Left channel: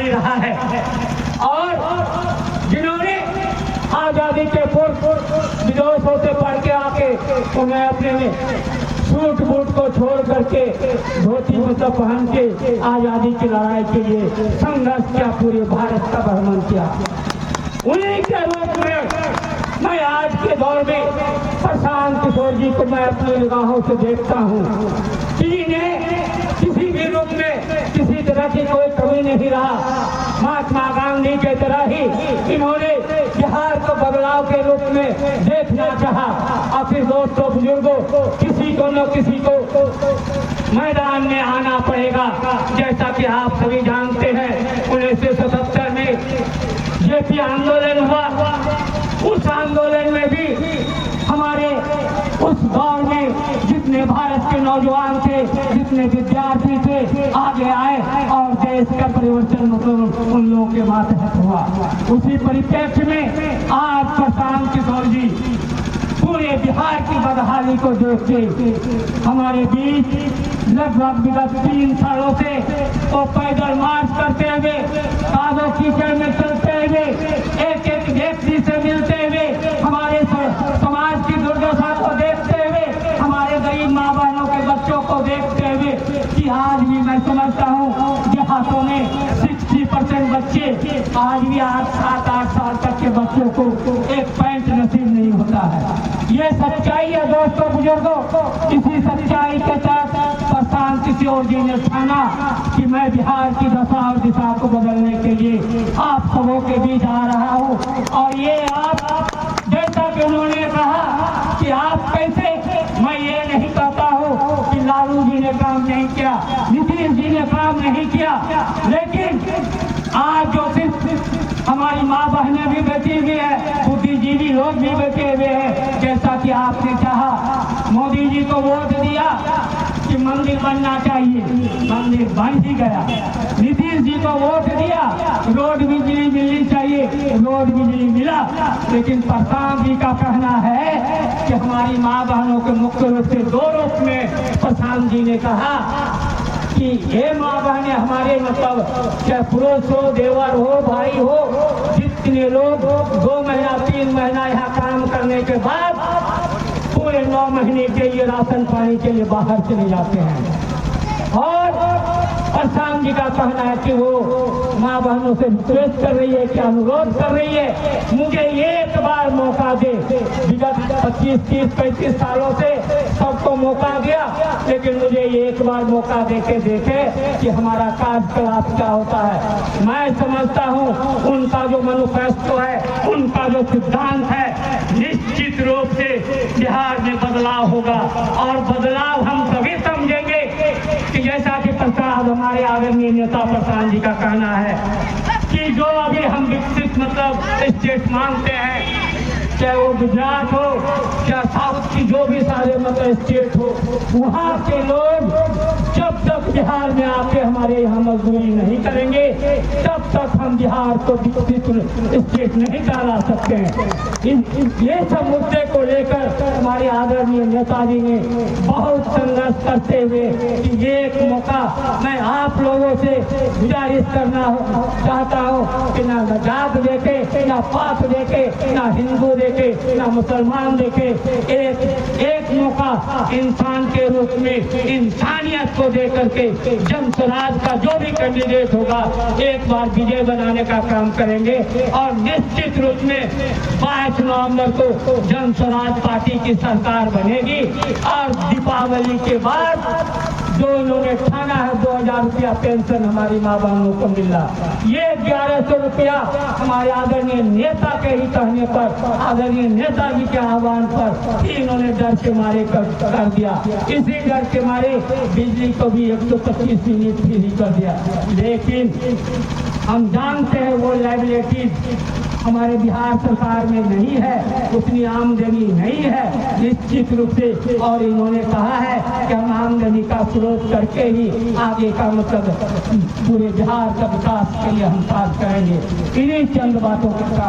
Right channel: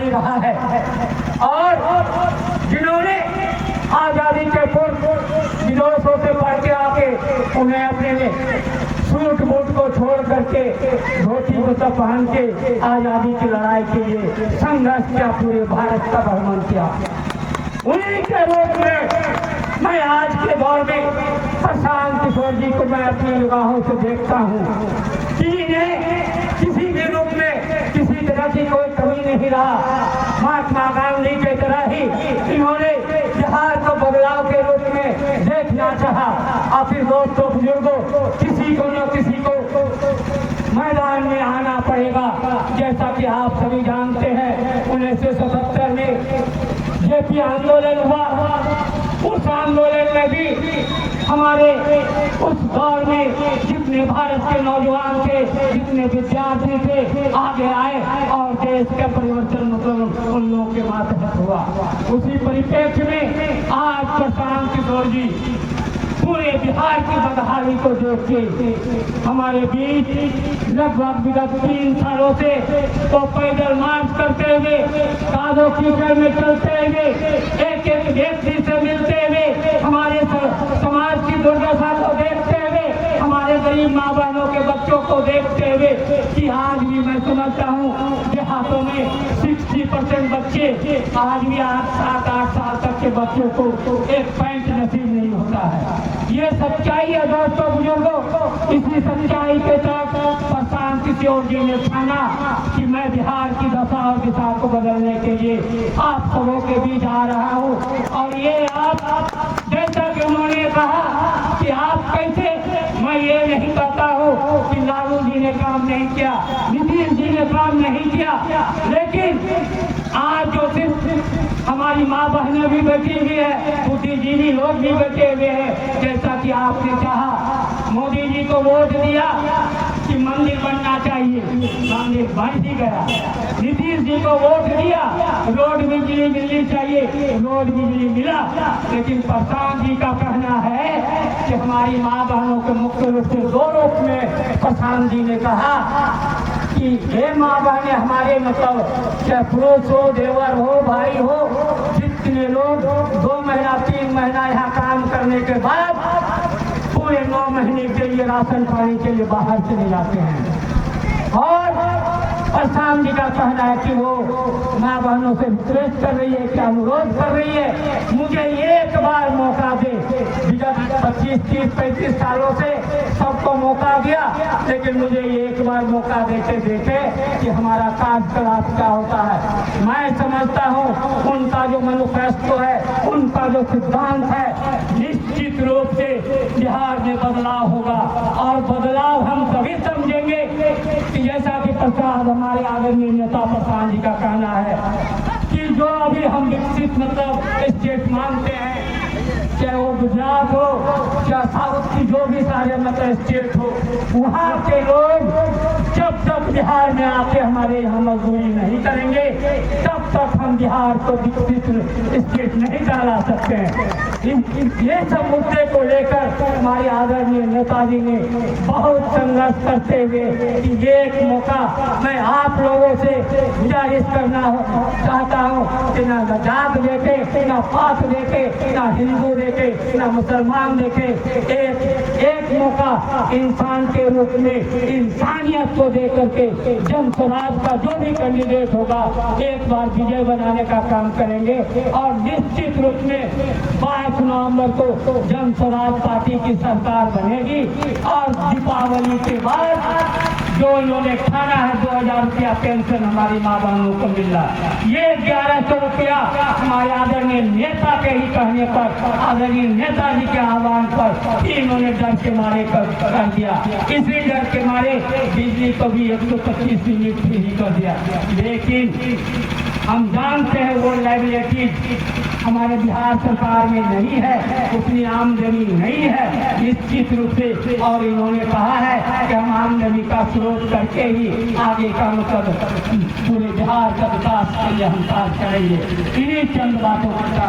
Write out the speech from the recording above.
खुशहाली रहा है। और जिन्होंने आज़ादी के पूर्व विदेशों से पढ़ के आके उन्हें अपने सूट बूट को छोड़ करके धोती कुर्ता पहन के आज़ादी की लड़ाई के लिए संघर्ष किया, पूरे भारत का भ्रमण किया, उन्हीं के रूप में मैं आज के दौर में प्रशांत किशोर जी को मैं अपनी निगाहों से देखता हूँ कि इन्हें किसी भी रूप में किसी तरह की कोई कमी नहीं रहा। महात्मा गांधी की तरह ही इन्होंने बिहार को बदलाव के रूप में देखना चाहा। और फिर दोस्तों बुजुर्गों, किसी को न किसी को मैदान में आना पड़ेगा। जैसा कि आप सभी जानते हैं 1977 में जेपी आंदोलन हुआ। उस आंदोलन में भी हमारे उस दौर में जितने भारत के नौजवान थे, जितने विद्यार्थी थे, आगे आए और देश का परिवर्तन मतलब उन लोगों के मातहत हुआ। उसी परिप्रेक्ष्य में आज प्रशांत किशोर जी पूरे बिहार की बदहाली को देख के हमारे बीच लगभग विगत 3 सालों से तो पैदल मार्च करते हुए, कादो कीचड़ में चलते हुए, एक एक व्यक्ति से मिलते हुए, हमारे समाज की दुर्दशा को देखते हुए, हमारे गरीब माँ बहनों के बच्चों को देखते हुए कि आज भी मैं समझता हूँ देहातों में 60% बच्चे आज भी 7-8 साल तक के बच्चों को एक पैंट नसीब नहीं होता है। ये सच्चाई है दोस्तों बुजुर्गों। इसी सच्चाई के साथ प्रशांत किशोर जी ने ठाना कि मैं बिहार की दशा और दिशा को बदलने के लिए आप सबों के बीच आ रहा हूँ। और ये आप जैसा कि उन्होंने कहा कि आप कैसे, मैं ये नहीं कहता हूँ कि लालू जी ने काम नहीं किया, नीतीश जी ने काम नहीं किया, लेकिन आज जो सिर्फ हमारी माँ बहनें भी बैठी हुई है, बुद्धिजीवी लोग भी बैठे हुए हैं, जैसा कि आपने चाहा मोदी जी को वोट दिया कि मंदिर बनना चाहिए, मंदिर बन ही गया। नीतीश जी को वोट दिया रोड बिजली मिलनी चाहिए, रोड बिजली मिला। लेकिन प्रशांत जी का कहना है कि हमारी माँ बहनों के मुख्य रूप से 2 रूप में प्रशांत जी ने कहा कि ये माँ बहनें हमारे मतलब चाहे पुरुष हो, देवर हो, भाई हो, जितने लोग 2 महीना 3 महीना यहाँ काम करने के बाद पूरे 9 महीने के लिए राशन पानी के लिए बाहर चले जाते हैं। और प्रशांत जी का कहना है कि वो माँ बहनों से रिक्वेस्ट कर रही है, क्या अनुरोध कर रही है, मुझे एक बार मौका दे। विगत 25, 30, 35 सालों से सबको मौका दिया, लेकिन मुझे एक बार मौका देके देखे कि हमारा कार्यकलाप क्या होता है। मैं समझता हूँ उनका जो मैनिफेस्टो है, उनका जो सिद्धांत है, निश्चित रूप से बिहार में बदलाव होगा। और बदलाव हम तभी समझेंगे कि जैसा कि प्रसाद हमारे आदरणीय नेता प्रशांत जी का कहना है कि जो अभी हम विकसित मतलब स्टेट मानते हैं, चाहे वो गुजरात हो, चाहे साउथ की जो भी सारे मतलब स्टेट हो, वहाँ के लोग जब तक बिहार में आके हमारे यहाँ मजदूरी नहीं करेंगे, तब तक हम बिहार को विकसित स्टेट नहीं कहला सकते हैं। ये सब मुद्दे को लेकर हमारे आदरणीय नेताजी ने बहुत संघर्ष करते हुए कि ये एक मौका मैं आप लोगों से गुजारिश करना चाहता हूँ कि ना जात देखे, ना पात देखे, ना हिंदू देखे, ना मुसलमान देखे, एक मौका इंसान के रूप में इंसानियत को दे करके जन स्वराज का जो भी कैंडिडेट होगा एक बार विजय बनाने का काम करेंगे। और निश्चित रूप में 22 नवंबर को जन स्वराज पार्टी की सरकार बनेगी। और दीपावली के बाद जो लोग खाना है 2000 रुपया पेंशन हमारी माँ बहनों को मिल रहा है, ये 1100 रुपया हमारे आदरणीय नेता के ही कहने पर, आदरणीय नेताजी के आह्वान पर इन्होंने डर के मारे कर दिया। इसी डर के मारे बिजली को भी 125 यूनिट ही कर दिया। लेकिन हम जानते हैं वो लाइबिलिटीज हमारे बिहार सरकार में नहीं है, उतनी आमदनी नहीं है निश्चित रूप से। और इन्होंने कहा है कि हम आमदनी का स्रोत करके ही आगे का मतलब पूरे बिहार का विकास के लिए हम कार्य करेंगे। इन्हीं चंद बातों का